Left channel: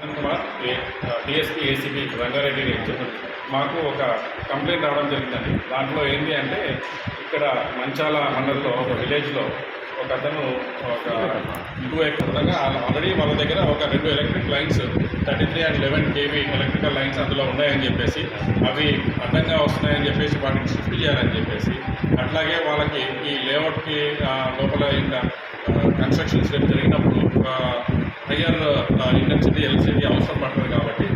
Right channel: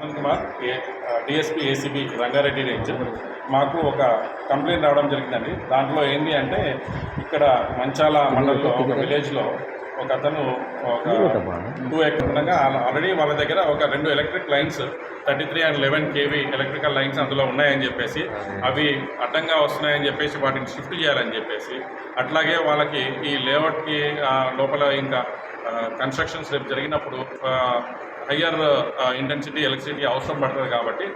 Kumar DSP ACB Rangareddy range మాకు ఒక complaint రావడం జరిగిందండి. దాంట్లో ఏంటి అంటే ఇక్కడ మంచాల మండలంలో ఒక విలేజ్లో ఒక అతను ఒక 2 ఎకర్ ఉండగా ఆల్రెడీ వాళ్ళ దగ్గర ఒక 2 electric lines 33 and 11 kV electrical lines అందులో ఉన్నాయని చెప్పేసి అవి అడ్డంగా వస్తున్నాయని చెప్పేసి వాటిని షిఫ్ట్ చేయాలని చెప్పేసి అట్లాగే వాళ్ళకి ఈ లేఅవుట్కి లోపల ఇంకా కన్స్ట్రక్షన్స్ రేపు జరిగినప్పుడు హయ్యర్ ఇంటెన్సిటీ ఎలక్ట్రిసిటీ అవసరం పడుతుంది కాబట్టి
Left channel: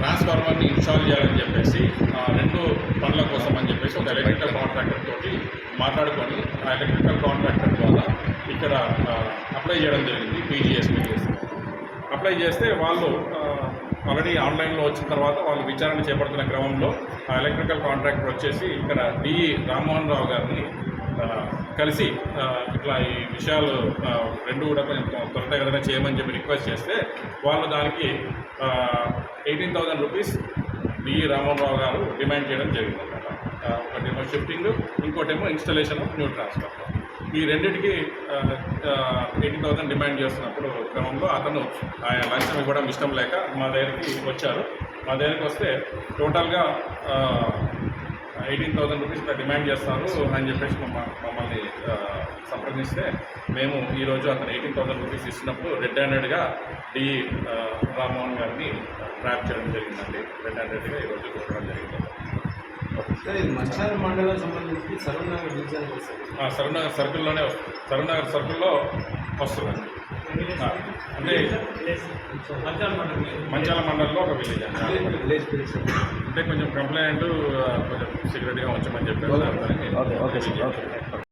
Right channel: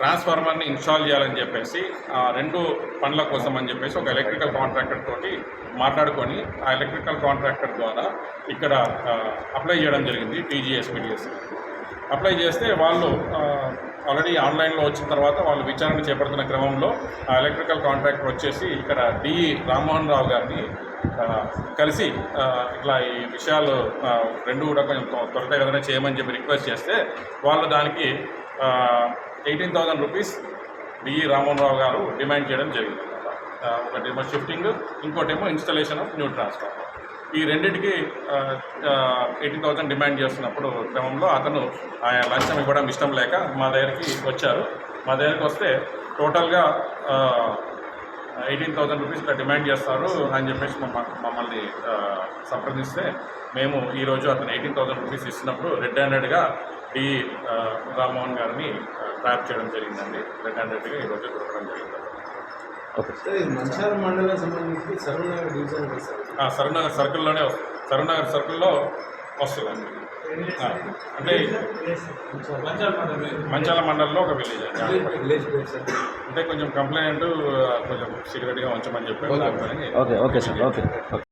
ట్రాన్స్ఫార్మర్ని ఇన్స్టాల్ చేయాలని చెప్పేసి 2 పనుల కోసం అని చెప్పేసి ఒక ఎలక్ట్రికల్ కాంట్రాక్టర్ తోటి మాట్లాడుకొని ఆ ఎలక్ట్రికల్ కాంట్రాక్టర్ ద్వారా ఇక్కడ అప్లై చేయడం జరిగింది. టీజీఎస్పీటీఎస్ అప్లై చేస్తే వాళ్ళు ఆల్రెడీ ఆన్లైన్లో వచ్చిన తర్వాత వాళ్ళు విచారణ చేపడుతున్న క్రమంలో ఆ ఎలక్ట్రికల్ కాంట్రాక్టర్ వచ్చేసి ఇక్కడ డిఈ రామ్మోహన్ రావు గారిని కలిసి ఇట్లా ఈ విషయాలు 2 కూడా కొంచెం త్వరితగతిన చేయమని చెప్పి రిక్వెస్ట్ చేస్తే వాళ్ళు దానికి 18,000 రూపీస్ డిఈ రామ్మోహన్ రావు గారు డిమాండ్ చేయడం జరిగిందన్నమాట. ఒకటేమో షిఫ్టింగ్, ఇంకోటేమో ఇన్స్టలేషన్ ఆఫ్ న్యూ ట్రాన్స్ఫార్మర్. ఈ రెండింటికి 18,000 డిమాండ్ చేస్తున్నప్పుడు క్రమంలో అతను ఆయన లంచం ఇవ్వడం ఇష్టం లేక మా దగ్గరికి వచ్చారు. మా దగ్గరికి వస్తే టోటల్గా 18,000 రూపీస్ ఇట్లా డిమాండ్ చేస్తారు అని చెప్పేసి మమ్మల్ని సంప్రదిస్తే మేము ఈరోజు అతను 18,000 రూపీస్ ఇస్తున్నప్పుడు రెడ్ హ్యాండెడ్గా డిఈ రామ్మోహన్ గారిని ట్రాప్ చేయడం జరిగిందండి. రెడ్ హ్యాండెడ్గా ఈరోజు దొరకడం జరిగింది. మంచాల మండలం సంబంధించి సరూనగర్ డివిజన్ సరూనగర్ సర్కిల్లోనే సరూనగర్ సర్కిల్లో వస్తుందండి. అంటే మంచాల మండలంలో ఒక విలేజ్ అండి. అంటే కొంచెం కంప్లైంట్ కొంచెం సీక్రెట్గా ఉంచమని చెప్పారు.